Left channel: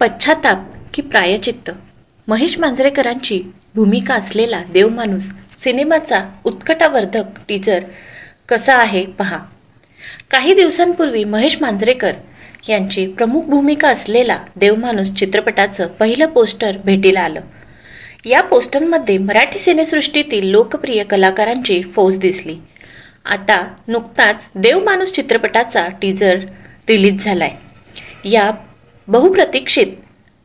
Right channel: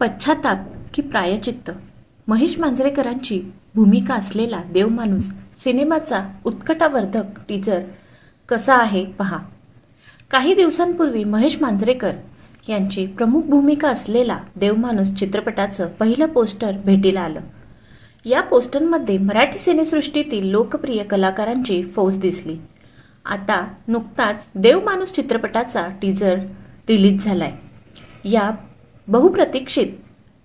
पश्चाताप की प्रायचित्त, महेश मांजरेकरांची भूमिका असलेला देवमाणूस सिनेमाचा उत्कटावर्धक टीजर कसा आहे पहा। काही दिवसांपूर्वी महेश मांजरेकर यांची प्रमुख भूमिका असलेला देवमाणूस चित्रपटाचं पहिलं पोस्टर भेटीला आलं। या पोस्टरमध्ये मराठी सिनेसृष्टीतील लोकप्रिय कलाकारांची फौज दिसली। आता नुकताच देवमाणूस चित्रपटाचा टीजर रिलीज झालाय। या बहुप्रतीक्षित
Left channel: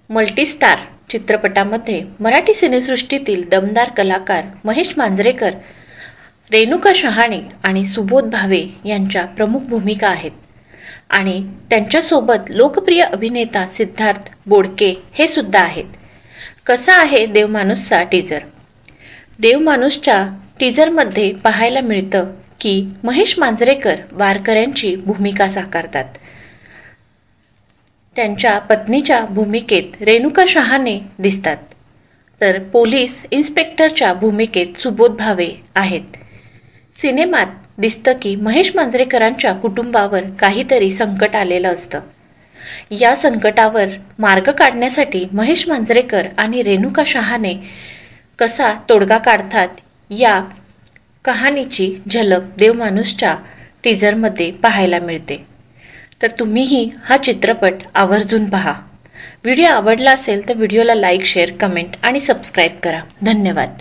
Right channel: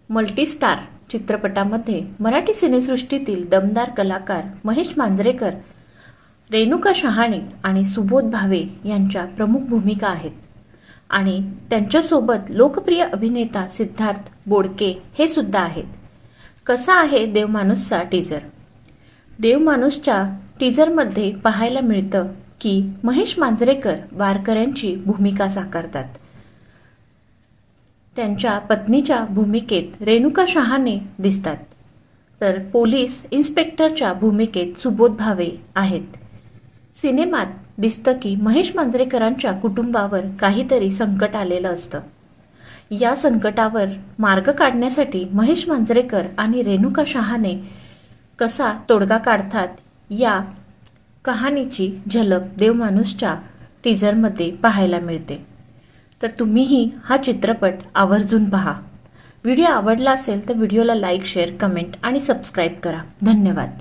मल्टीस्टार चित्रपटामध्ये मराठी सिनेसृष्टीतील दमदार कलाकार महेश मांजरेकर, रेणुका शहाणे आणि सुबोध भावे यांच्या प्रमुख भूमिका आहेत आणि त्यांच्यासोबत लोकप्रिय अभिनेता सिद्धार्थ बोडके हे सुद्धा आहेत। कसा आहे देवमाणूसचा टीजर? देवमाणूसच्या टीजरमध्ये पाहायला मिळतं की महेश मांजरेकर वारकऱ्यांची भूमिका साकारतात। त्यांच्या पत्नीच्या भूमिकेत रेणुका शहाणे दिसतात, तर पोलीस इन्स्पेक्टरच्या भूमिकेत सुबोध भावे आहेत। सिनेमात दिसतं की महेश मांजरेकरांच्या कुटुंबावर काहीतरी संकट आलेलं असतं। या संकटावर मार्ग काढण्यासाठी महेश मांजरेकर आणि रेणुका शहाणे कसा तोडगा काढतात या कहाणीची झलक देवमाणूसच्या टीजरमध्ये पाहायला मिळते। तर तुम्हीही हा चित्रपट आवर्जून पहा। व्हिडिओ आवडला असेल तर व्हिडिओला लाईक, शेअर, कमेंट आणि सबस्क्राईब करा। धन्यवाद।